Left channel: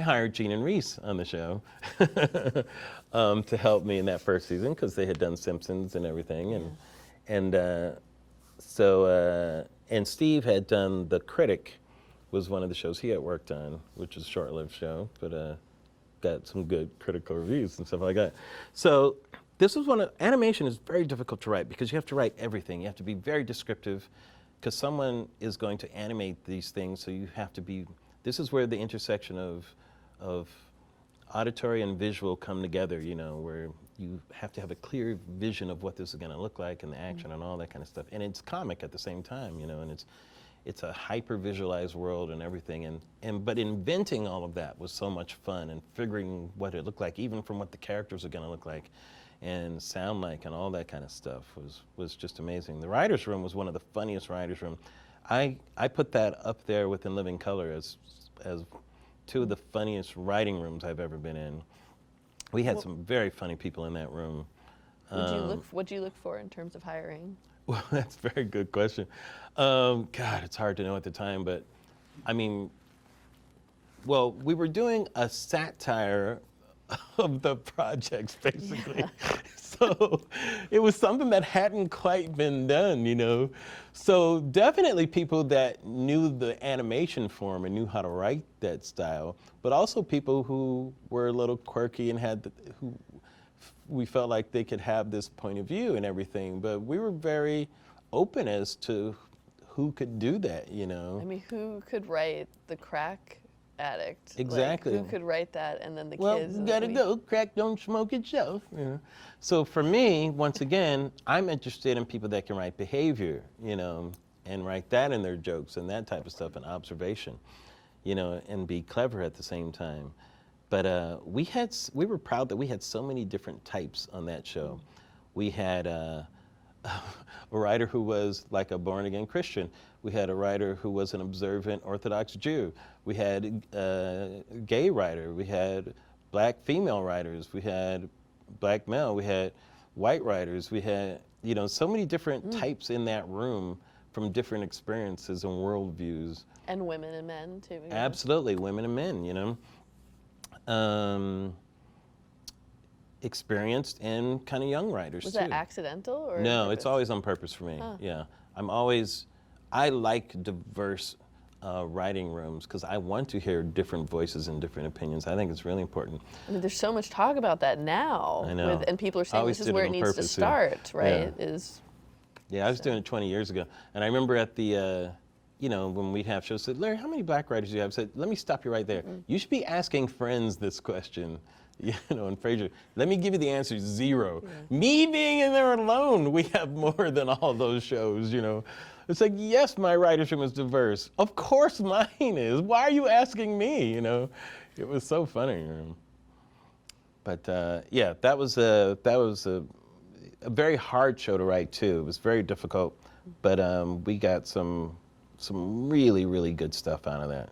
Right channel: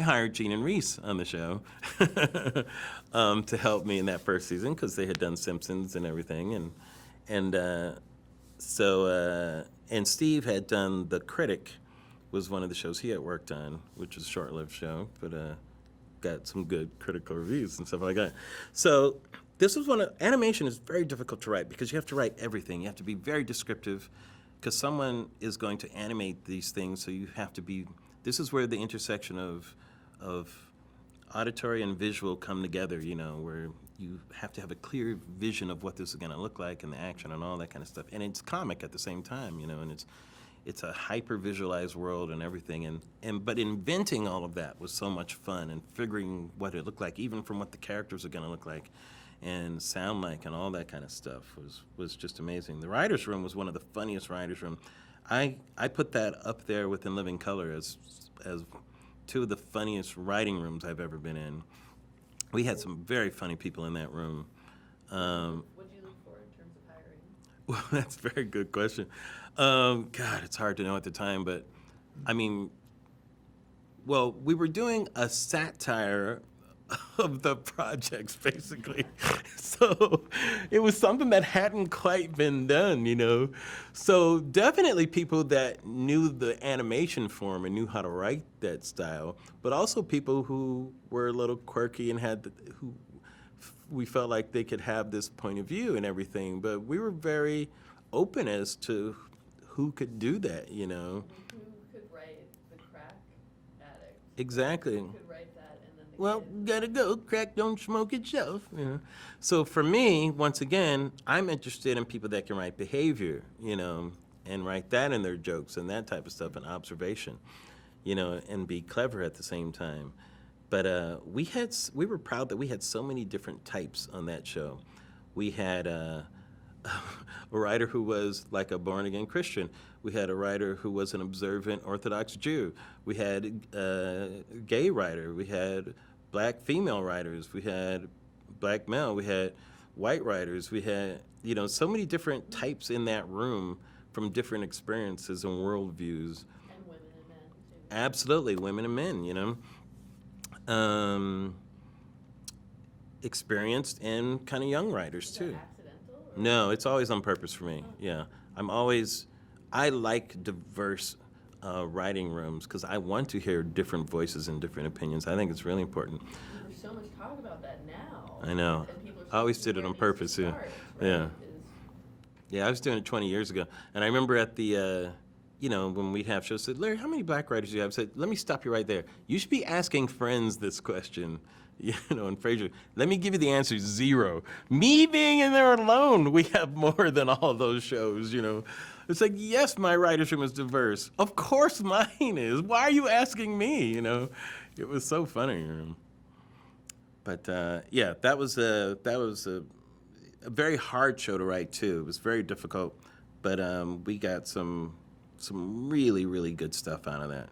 I hired Gene and Reese on the show to help me in that first season because they had done Simpsons and everything, and Steve had done The Critic, was one of the shows he had worked on, which was a short-lived show, but got some good critical reviews and stuff like that. So this was animation is very difficult to write because you have to write everything. You have to be very descriptive because someone is going to animate these things, so you have to be, this is where the intersection of auditory and visual come together, you know, where you have to have a clear vision of what this is going to look like and the action and all that kind of stuff. And it's comic at the same time, you know, and it's a hyper-visualized world and everything. But inventing all of that was so much fun, and figuring what it looked like, even from what the characters are going to look like and sound like and all that kind of stuff was just amazing. The writer's room was one of the funniest writer's room. I put that up there within Living Color as two of the funniest writing rooms I've ever been in. We had some very funny people in that room. What do you look for in terms of hiring? Well, that's a very good question. God, it's hard to know at the time, but I mean, well, we were doing a satire of the projects, basically. So it was something that hadn't quite been done, you know. So definitely people that knew the animation form and knew how to write that style, but also people who were a little quirky and who we felt like they could have this point of view and everything. But we were very open as to who could do that, you know. I mean, who could write the crack addict? Exactly. Like, who could write that, and then the well, kids? Well, you gotta go, crack don't smoke itself. You know? So for me, once again, I'm interested in people that can write behavior, you know, and write that in their jokes and that type of stuff, and observation, you know, and be clever at the same time. But we were proud that we had so many different types on that show. We had a writer who was like a born-again Christian. We had a writer who was an observant Orthodox Jew. We had a gay writer. We had black female writers. We had black male. We had white writers. We had, you know, so many different types in that room from different experiences and worldviews. And women and men, too. Absolutely, women and men, you know. Experienced and kind of young writers, Was too. that accidental? Or No, it's always on purpose for me. Huh. Yeah, I like diverse writing rooms because I want to hear different voices and different opinions. I think it's really important. I mean, there's so much talk about that now. I know. And people are saying this is where it needs to start, right? Yeah, I was doing it 20 years ago. And I remember at the, you know, when we'd have shows, I said, Larry, how many black writers do you have? I said, let me stop you right there. You should be asking friends this question. You know, and Fraser, let me give you the answer, 0. Me being in there alone, we have more than all those shows, you know. It's like, yes, my writer's room is diverse. Of course mine is. Why are you asking me, you know? It was so funny. But yeah, that was a very hard show to write too. It was very difficult, but we got some really, really good stuff out of that.